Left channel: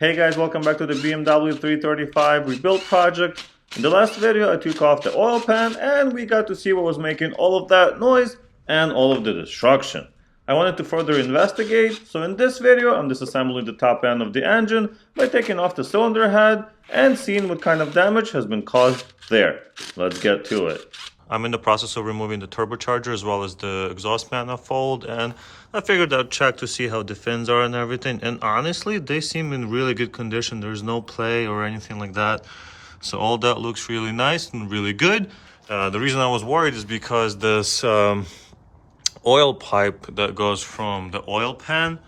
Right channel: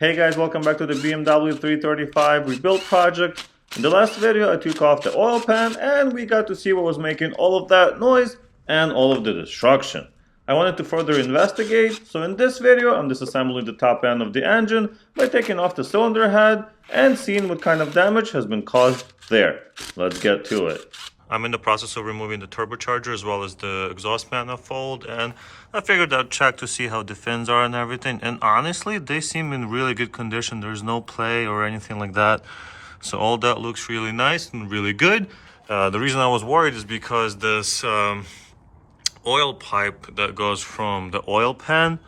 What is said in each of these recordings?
Hey guys, welcome back to the BMW 335 rebuild project. In the last video I took off the oil pan and we got to see what was making all of that noise and all of the destruction. I wanted to further investigate, so in this video I'm disassembling the top end of the engine by taking off the cylinder head and seeing what kind of damage has been caused there. Let's get to it. I'm in the process of removing the turbocharger as well as the exhaust manifold, and I figured I'd check to see how the fins are and everything, and honestly they seem in really good condition. There's no play or anything like that, so all that looks really nice and really good. The reason I was worried is because this oil pipe that goes from the oil pan,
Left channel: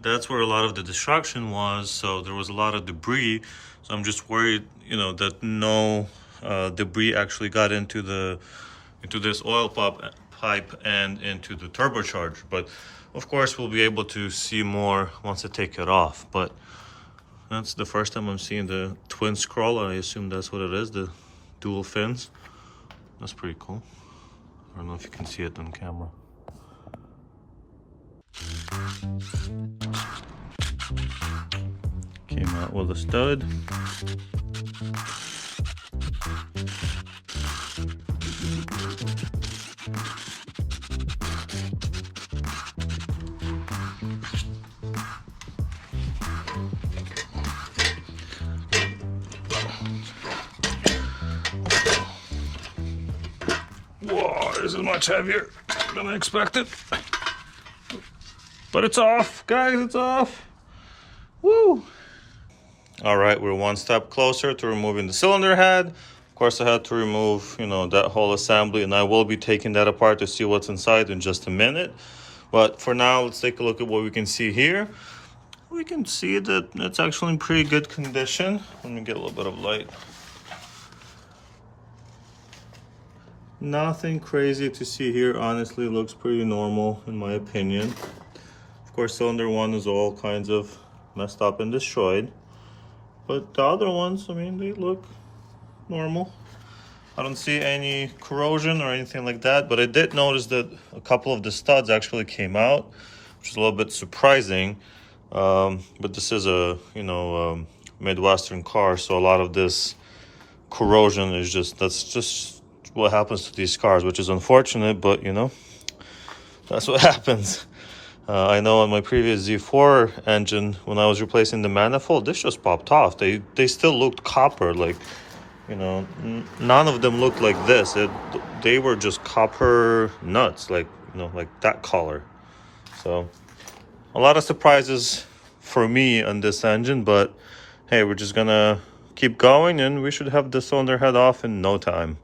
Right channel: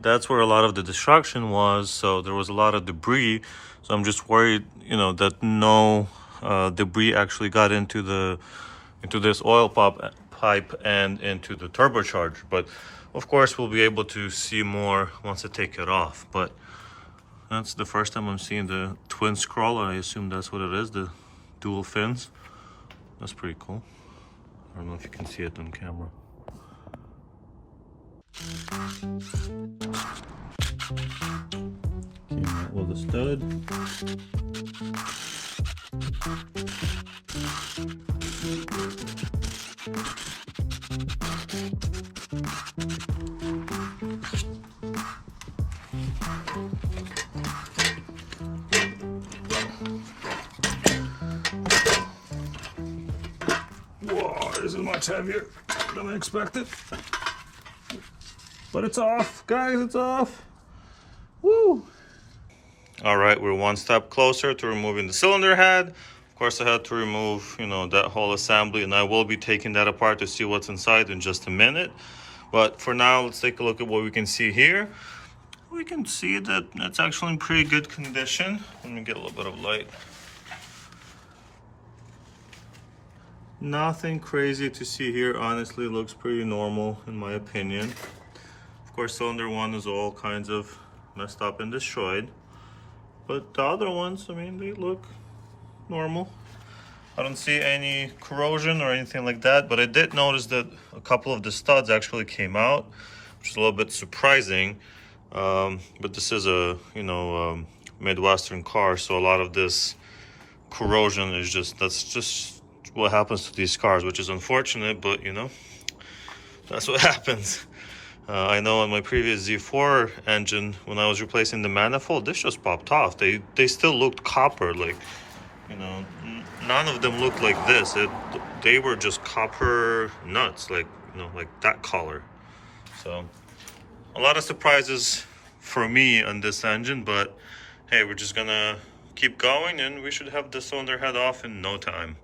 that's where a lot of the destruction was, so there was a lot of debris. So I'm just worried, that no debris actually got into this oil pipe and into the turbocharger. But of course we'll be able to see more once I take it off. But that's the first time I'm seeing the twin scroll. I assume that's what it is, the dual fins. That's pretty cool. I don't know if you can see it on camera. Came out with a stud. Whoa, this is much heavier than I expected. But it's off, guys, it's off. Woo! All right, we're one step closer to removing the cylinder head. Of course, I had to remove, that whole assembly, and I will be taking that apart to see what's inside in just a minute. But for now, let's take a look at what we can see here. We can see that it's actually in pretty good condition. Let me get a little bit of light. Nothing crazy to see here. Honestly, looks pretty normal in my opinion. Of course, cylinder one is all kinds of messed up and destroyed. But the other ones, they look normal. I don't see any corrosion or anything like that, but I did notice that a couple of the studs actually came out, which is a little bit surprising. But this is a, Midwestern car, so a lot of this corrosion is that's just what happens to these cars, which is unfortunate, but that's what happens. I know on my previous Z4 engine, when I was replacing the manifold, this just popped off. They still looked copper, like, none of them looked like this. They were just copper nuts, like, like that color. So a lot of surprises for me on this engine, but hey, we're just gonna keep going and we should have the cylinder head off in no time.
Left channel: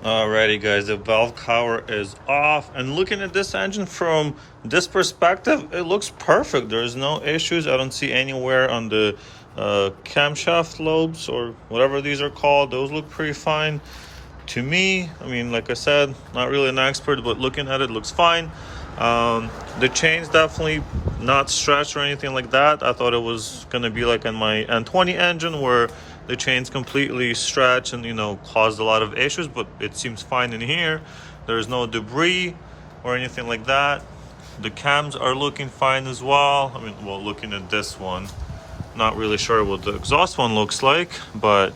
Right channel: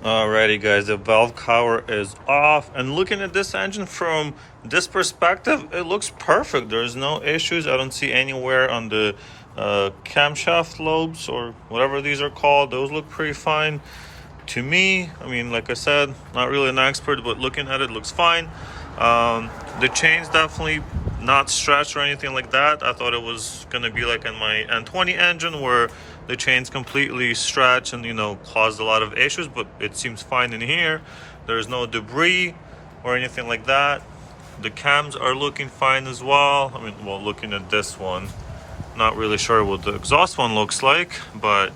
Alrighty guys, the valve cover is off, and looking at this engine from this perspective, it looks perfect. There's no issues. I don't see anywhere on the camshaft lobes or whatever these are called. Those look pretty fine to me. Like I said, not really an expert, but looking at it looks fine. The chain's definitely not stretched or anything like that. I thought it was gonna be like in my N20 engine where the chain's completely stretched and caused a lot of issues, but it seems fine in here. There's no debris or anything like that. The cams are looking fine as well. I mean, well, looking at this one, not really sure what the exhaust one looks like, but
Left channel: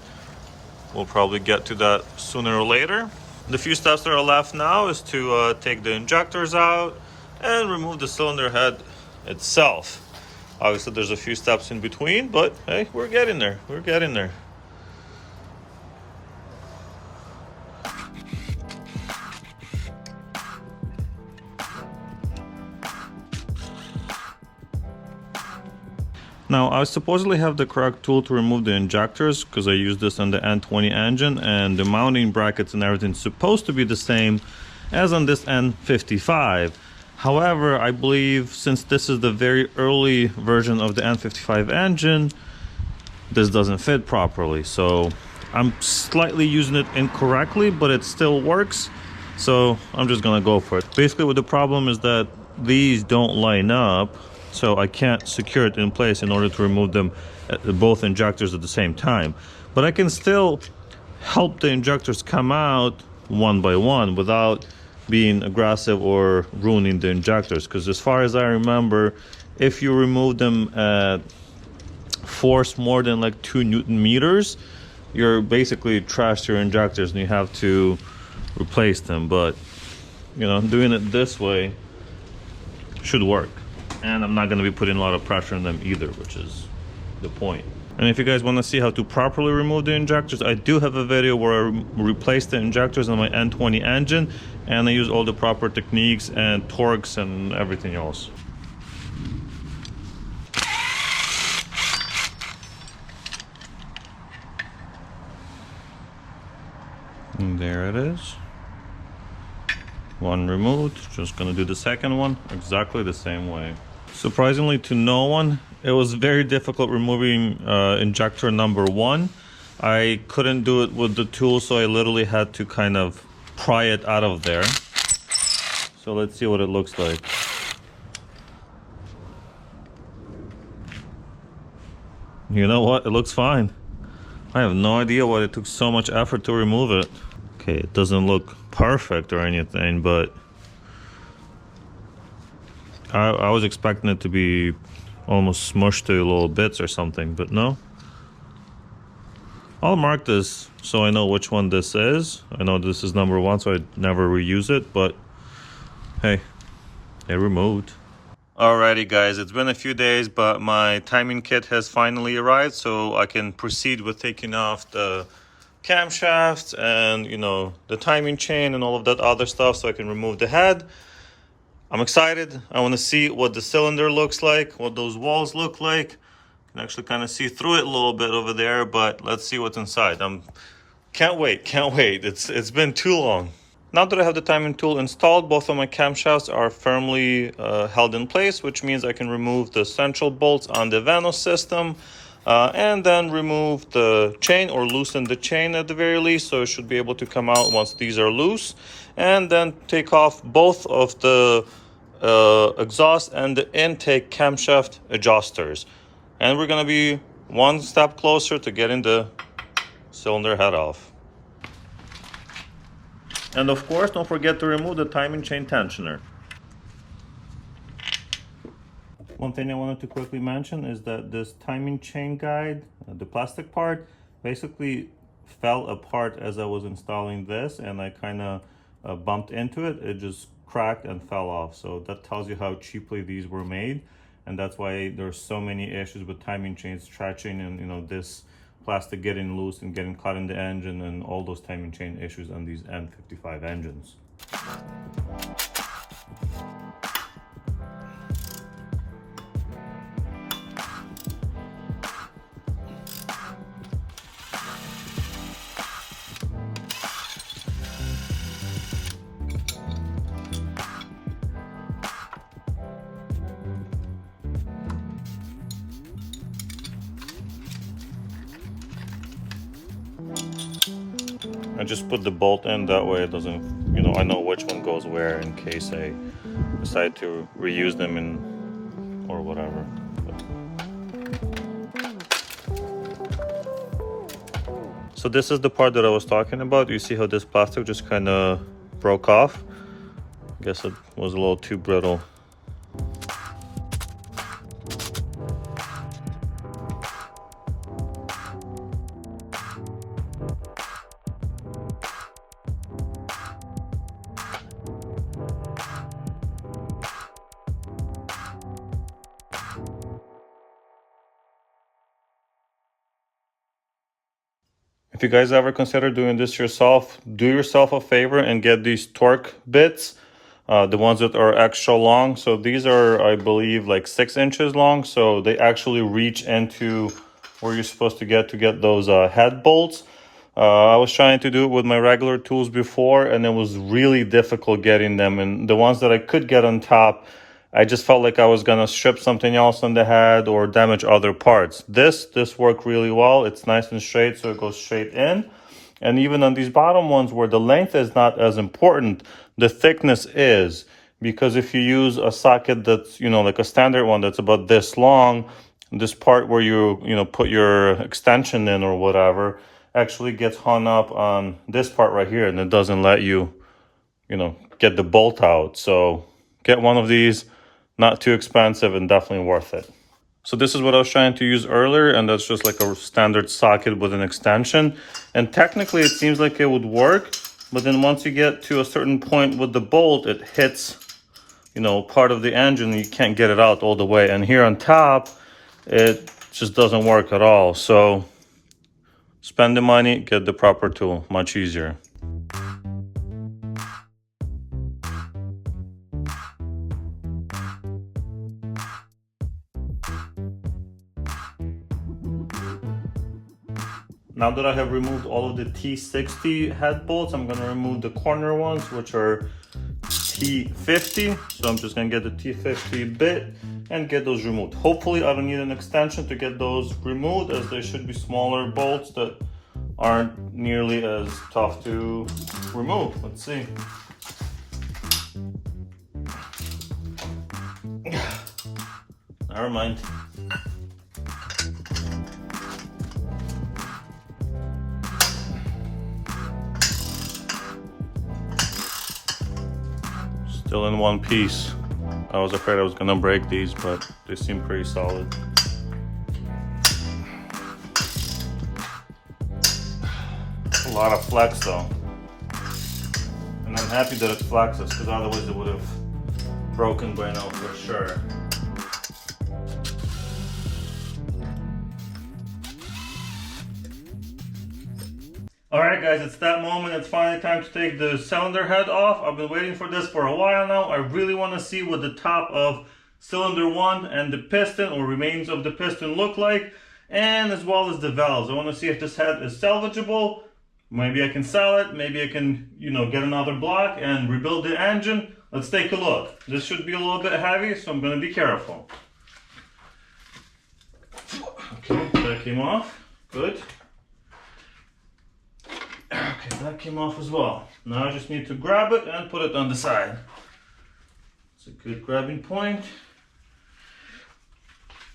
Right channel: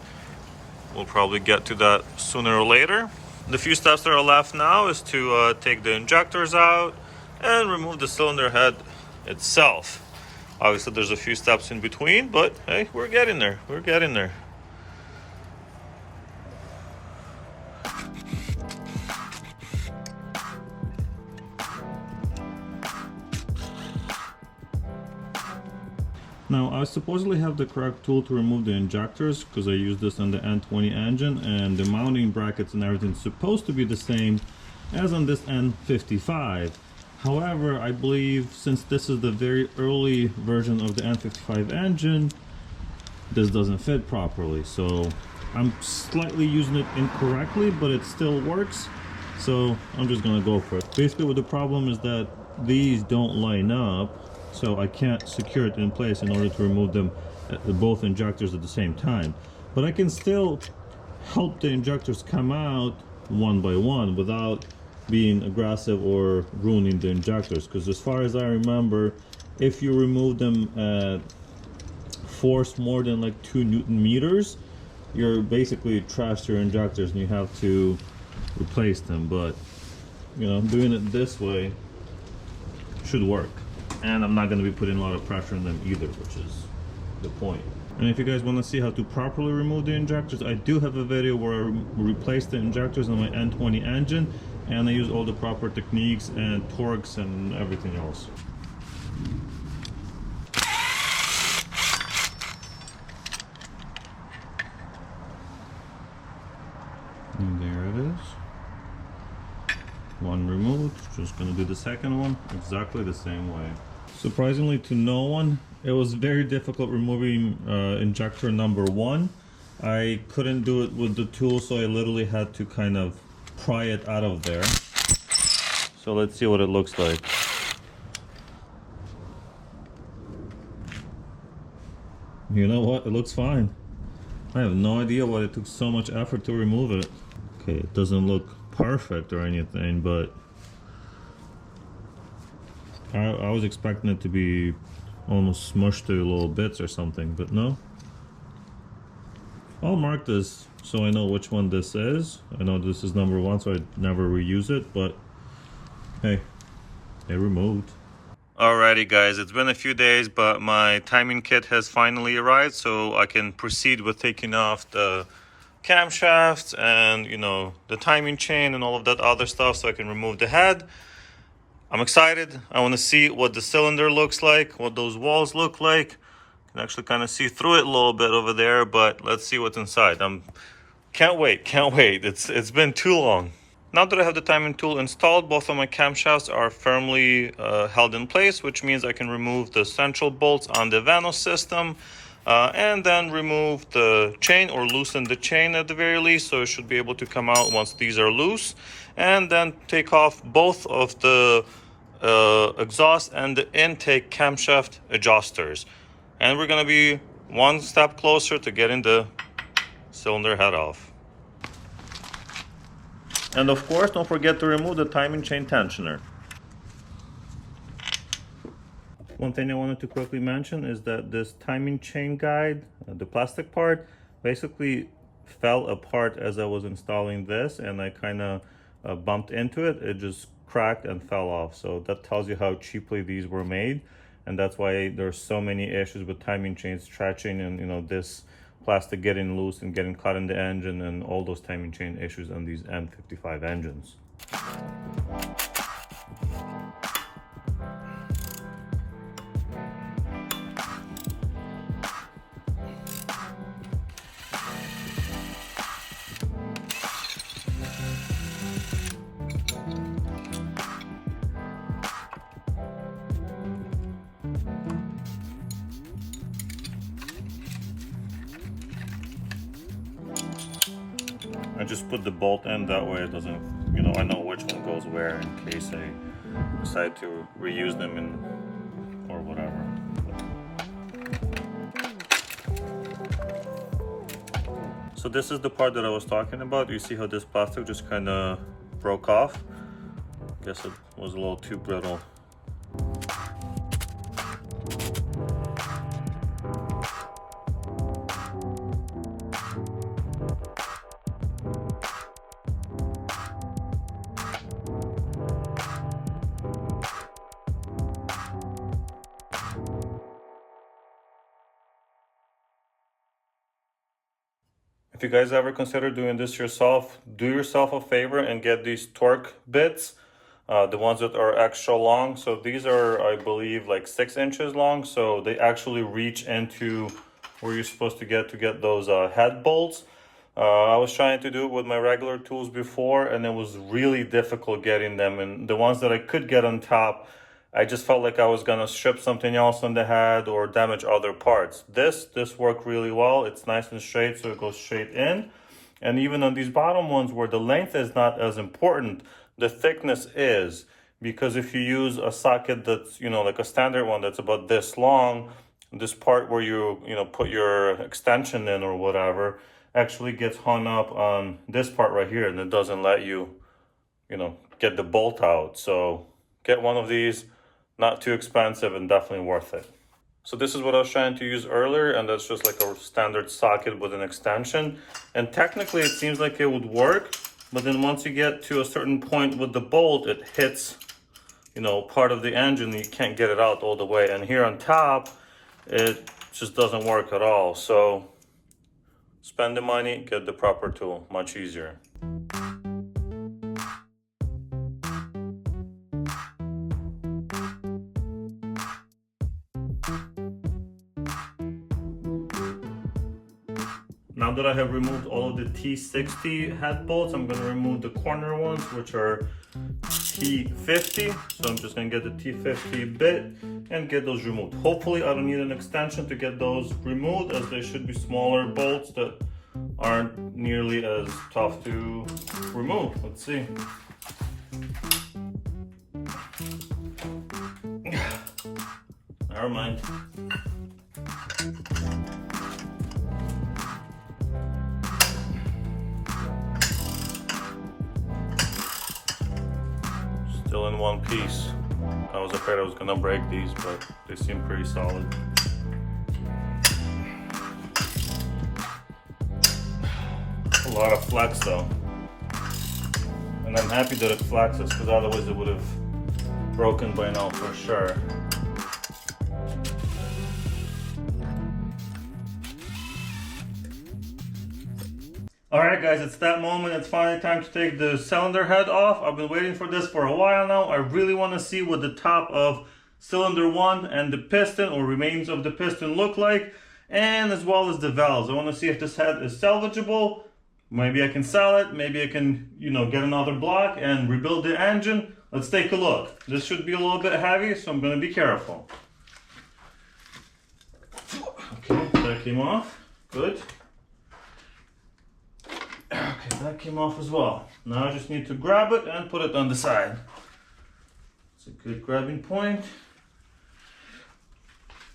we'll probably get to that sooner or later. The few steps that are left now is to take the injectors out and remove the cylinder head itself. Obviously, there's a few steps in between, but hey, we're getting there. We're getting there. Now, I supposedly have the correct tool to remove the injectors because I used this on the N20 engine, and the mounting brackets and everything is supposed to be the same as on this N55. However, I believe since this is the very early version of the N55 engine, this doesn't fit properly. So I'm slightly using it incorrectly, but it still works. So I'm just gonna go for it. Basically, what the problem is that these don't line up, so I can't secure it in place in order to remove them, both injectors at the same time. But I can still help the injectors come out one by one without being aggressive or ruining the injectors, because as far as I remember, if you remove them at force more than like 2 Newton meters, you're basically trashed your injectors and you have to replace them. But you know, doing it this way should work. And I'm not going to be putting a lot of pressure on them either, which is the point. And if you guys want to see how to properly remove the injectors, I do have a video where I replaced the injectors on my N20 engine, and I use all the proper techniques and torques and everything else. And there it is. One removed. Just gonna do the second one exactly the same way. Surprisingly to no one, it was very difficult removing injector number 1. I couldn't do it with the tool, so I literally had to kind of pry it out of there. So let's see what it looks like. You know what? It looks fine. I have no idea why it took so much effort to remove it. Okay, it doesn't look perfect or anything, but I was expecting it to be almost smushed to little bits or something, but no. I'll mark this so I know which one this is. I know this is number 1, so I never reuse it, but hey, it removed. Alrighty guys, it's been a few days, but my timing kit has finally arrived, so I can proceed with taking off the camshafts and, you know, the timing chain and all of that other stuff, so I can remove the head. I'm excited. I want to see what the cylinder looks like, what those walls look like. You can actually kind of see through it a little bit over there, but let's see what's inside. Can't wait. It's been too long. Now that I have the timing tool installed, both of my camshafts are firmly held in place, which means I can remove the central bolts on the VANOS system and then remove the chain, or loosen the chain at the very least, so it should be able to come out once these are loose, and then take off both of the exhaust and the intake camshaft adjusters. And we're going to be one step closer to getting the cylinder head off. And of course, don't forget to remove the timing chain tensioner. One thing I wanted to quickly mention is that this timing chain guide, the plastic part, basically fell apart as I was installing this, and I kind of bumped into it. It just cracked and fell off. So that tells you how cheaply these were made, and that's why there's so many issues with timing chains stretching, and you know, this plastic getting loose and getting caught in the engine, and all those timing chain issues on these N55 engines. I just put the bolt in, that way it doesn't, you know, I know which one goes where in case I decide to reuse them or whatever. So this is the part that I was talking about. You see how this plastic just kind of broke off? I guess it was a little too brittle. If you guys ever consider doing this yourself, do yourself a favor and get these torque bits, the ones that are extra long. So these are, I believe, like 6 inches long. So they actually reach into where you're supposed to get those head bolts. I was trying to do it with my regular tools before, and it was really difficult getting them. And the ones that I could get on top, I just felt like I was gonna strip something else on the head or damage other parts. This worked really well. It's nice and straight, so it goes straight in. And even on these bottom ones where the length is not as important, the thickness is. Because if you use a socket that's, you know, like a standard one that's about this long, this part where you put your extension in or whatever, actually gets hung up on this part right here, and it doesn't let you, get the bolt out. So get one of these, not too expensive and definitely worth it. So this is what I was trying to use earlier, and that's just like a standard socket with an extension. And technically it seems like it would work, but then once you get to a certain point with the bolt, it hits, part of the engine, and you can't get it out all the way. And here on top, it just doesn't work at all. So spend the money, get the proper tool, much easier. Now that I have removed all of the T60 head bolts, I'm gonna remove the corner ones, which are T50. So I'm just gonna get the T50 bit and get those removed. Hopefully I don't need an extension to get those removed, as they should be smaller bolts that aren't nearly as tough to remove. Let's see. Never mind. Still in one piece. I was afraid I was gonna break these, but they seem pretty solid. A lot of flex though. And I'm happy that it flexes, because otherwise it would have broken by now for sure. Alright guys, it's that moment. It's finally time to take the cylinder head off. I've been waiting for this for a while now. I really want to see what the top of cylinder 1 and the piston or remains of the piston look like, and as well as the valves. I want to see if this head is salvageable. Maybe I can sell it, maybe I can, get another block and rebuild the engine. Let's take a look. This should be a little bit heavy, so I'm going to be careful. Okay, that came off. Good. Okay, that came off as well. Now I just need to grab it and put it on the side. It's a good grabbing point.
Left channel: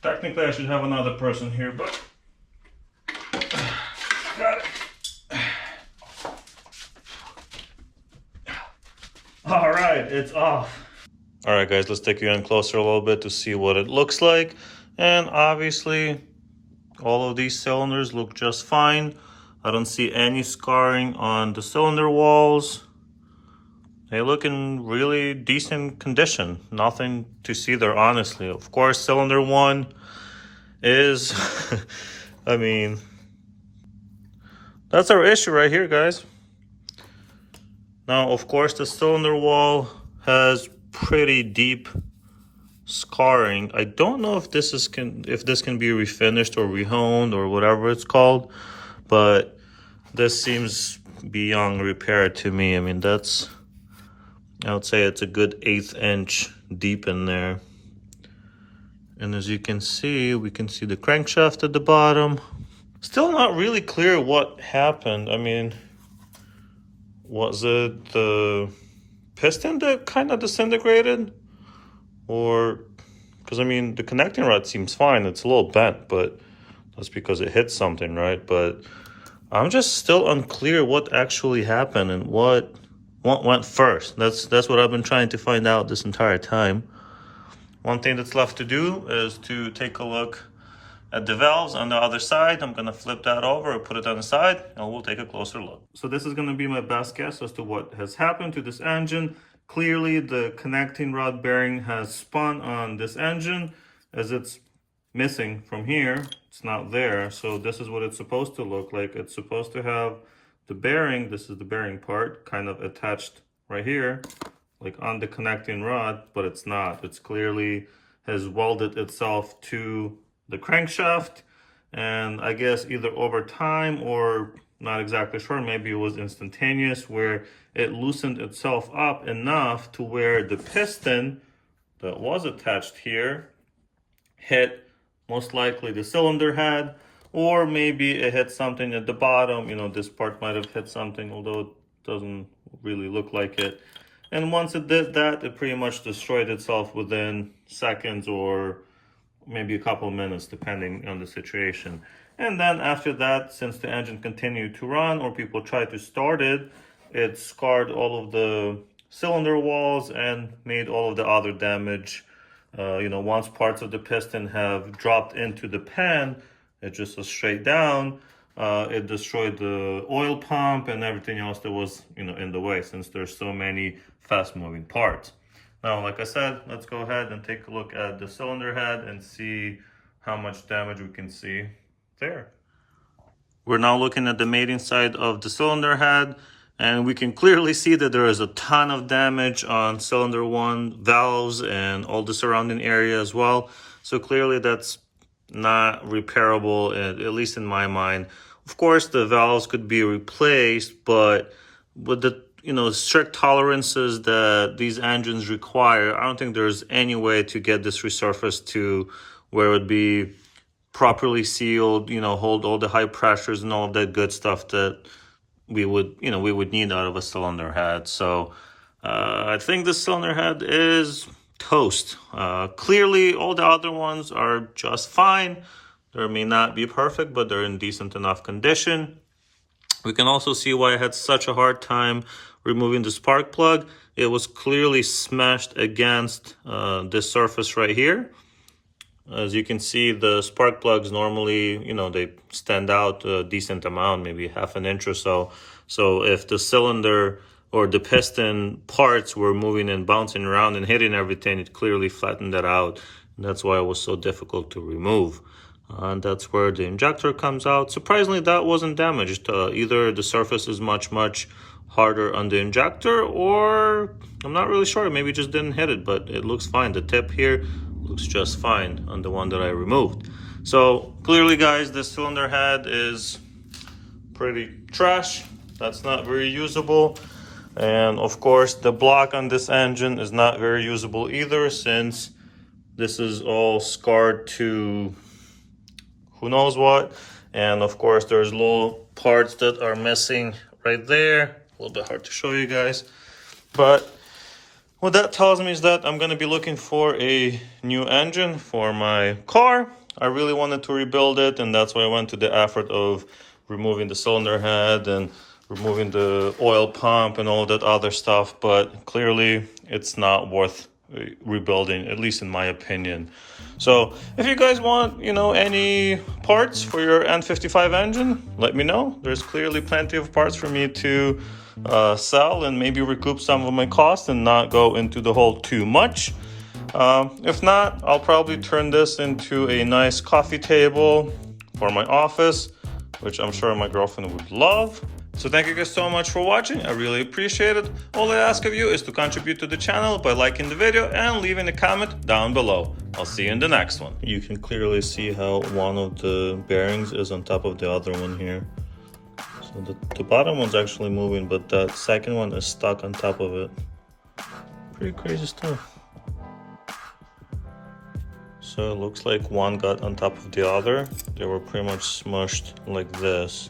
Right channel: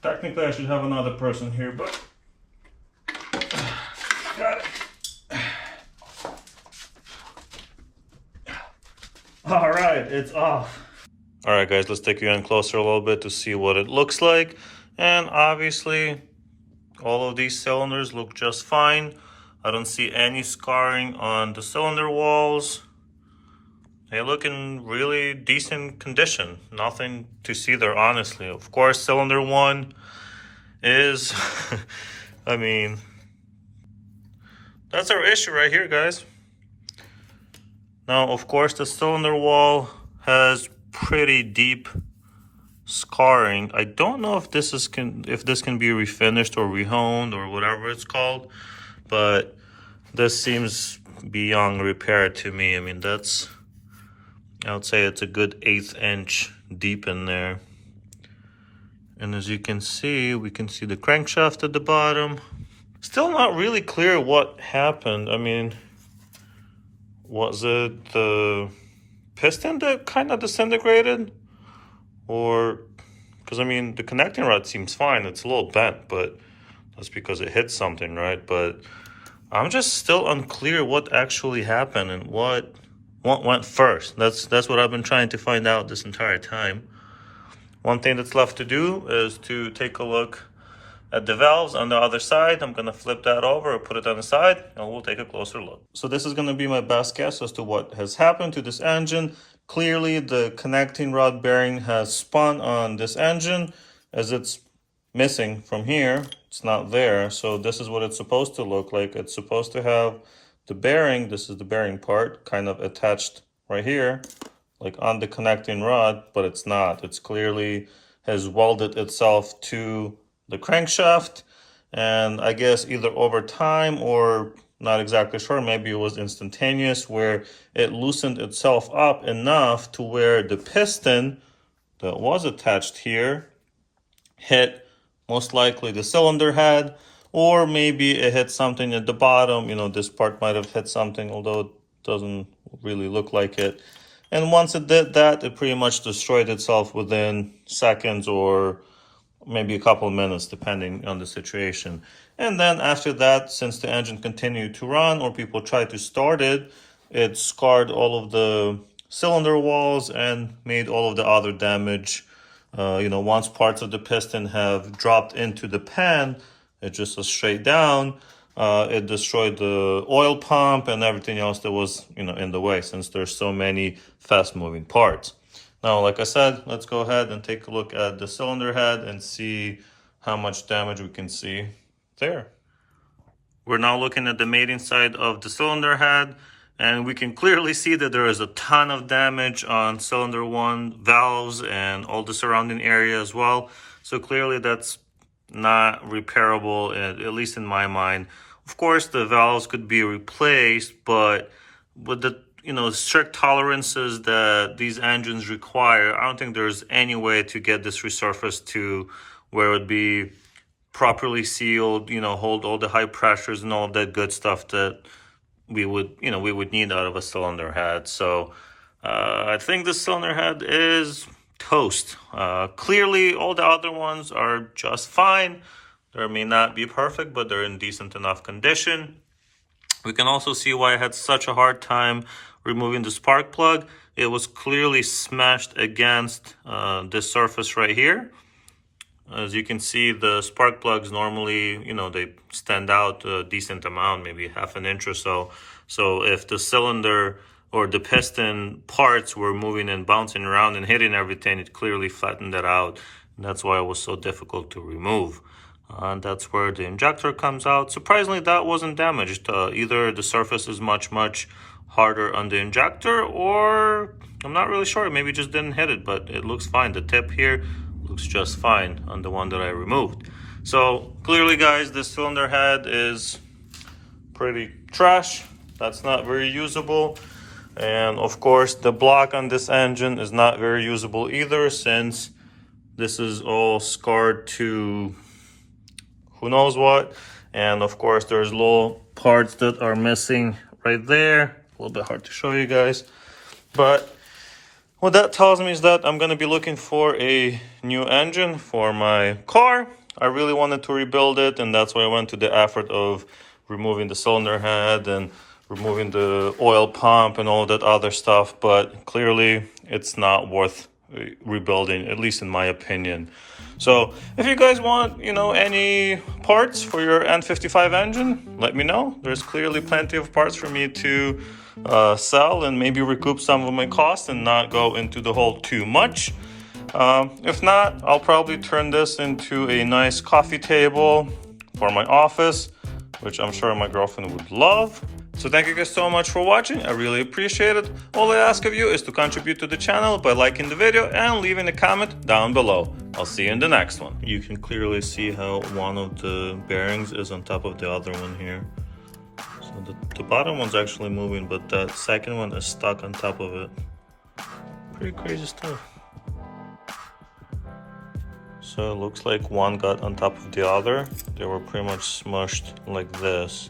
Technically I should have another person here, but got it. All right, it's off. All right guys, let's take you in closer a little bit to see what it looks like. And obviously all of these cylinders look just fine. I don't see any scarring on the cylinder walls. They look in really decent condition. Nothing to see there, honestly. Of course, cylinder 1 is, I mean, that's our issue right here, guys. Now, of course, the cylinder wall has pretty deep scarring. I don't know if this can be refinished or rehoned or whatever it's called, but this seems beyond repair to me. I mean, I would say it's a good 1/8 inch deep in there. And as you can see, we can see the crankshaft at the bottom. Still not really clear what happened. I mean, was it the piston that kind of disintegrated? Or, because I mean, the connecting rod seems fine. It's a little bent, but that's because it hit something, right? But I'm just still unclear what actually happened and what went first. That's what I've been trying to find out this entire time. One thing that's left to do is to take a look at the valves on the other side. I'm gonna flip that over or put it on the side, and we'll take a closer look. So this is gonna be my best guess as to what has happened to this engine. Clearly the connecting rod bearing has spun on this engine, as it's missing from here. It's not there. So this is what it's supposed to look like. It's supposed to have the bearing, this is the bearing part, kind of attached right here, like on the connecting rod, but it's not. It's clearly has welded itself to the crankshaft, and I guess either over time or not exactly sure, maybe it was instantaneous, where it loosened itself up enough to where the piston that was attached here hit most likely the cylinder head, or maybe it hit something at the bottom. You know, this part might have hit something, although it doesn't really look like it. And once it did that, it pretty much destroyed itself within seconds or maybe a couple of minutes, depending on the situation. And then after that, since the engine continued to run or people tried to start it, it scarred all of the cylinder walls and made all of the other damage. You know, once parts of the piston have dropped into the pan, it just goes straight down. It destroyed the oil pump and everything else that was, you know, in the way, since there's so many fast-moving parts. Now, like I said, let's go ahead and take a look at the cylinder head and see how much damage we can see there. We're now looking at the mating side of the cylinder head, and we can clearly see that there is a ton of damage on cylinder 1 valves and all the surrounding area as well. So clearly that's not repairable, at least in my mind. Of course, the valves could be replaced, but with the strict tolerances that these engines require, I don't think there's any way to get this resurfaced to where it would be properly sealed, hold all the high pressures and all of that good stuff that we would need out of a cylinder head. So I think the cylinder head is toast. Clearly, all the other ones are just fine. They may not be perfect, but they're in decent enough condition. We can also see why I had such a hard time removing the spark plug. It was clearly smashed against this surface right here. As you can see, the spark plugs normally, they stand out a decent amount, maybe half an inch or so. So if the cylinder or the piston parts were moving and bouncing around and hitting everything, it clearly flattened that out. And that's why it was so difficult to remove. And that's where the injector comes out. Surprisingly, that wasn't damaged. Either the surface is much harder on the injector, or I'm not really sure, maybe it just didn't hit it, but it looks fine. The tip here looks just fine on the one that I removed. So clearly, guys, this cylinder head is pretty trash. That's not very usable. And of course, the block on this engine is not very usable either, since this is all scarred to who knows what. And of course, there's little parts that are missing right there. A little bit hard to show you guys, but what that tells me is that I'm going to be looking for a new engine for my car. I really wanted to rebuild it, and that's why I went to the effort of removing the cylinder head and removing the oil pump and all that other stuff, but clearly it's not worth rebuilding, at least in my opinion. So if you guys want, any parts for your N55 engine, let me know. There's clearly plenty of parts for me to sell and maybe recoup some of my costs and not go into the hole too much. If not, I'll probably turn this into a nice coffee table for my office, which I'm sure my girlfriend would love. So thank you guys so much for watching. I really appreciate it. All I ask of you is to contribute to the channel by liking the video and leaving a comment down below. I'll see you in the next one. You can clearly see how one of the bearings is on top of the other one here. So the bottom one's actually moving, but that second one is stuck on top of it. Pretty crazy stuff. So it looks like one got on top of the other. They were pretty much smushed like this.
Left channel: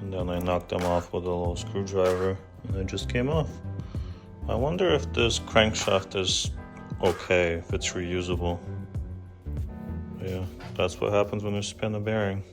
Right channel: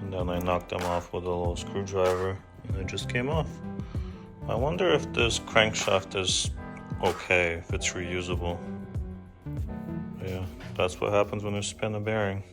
And then I knocked them off with a little screwdriver and it just came off. I wonder if this crankshaft is okay, if it's reusable. But yeah, that's what happens when you spin a bearing.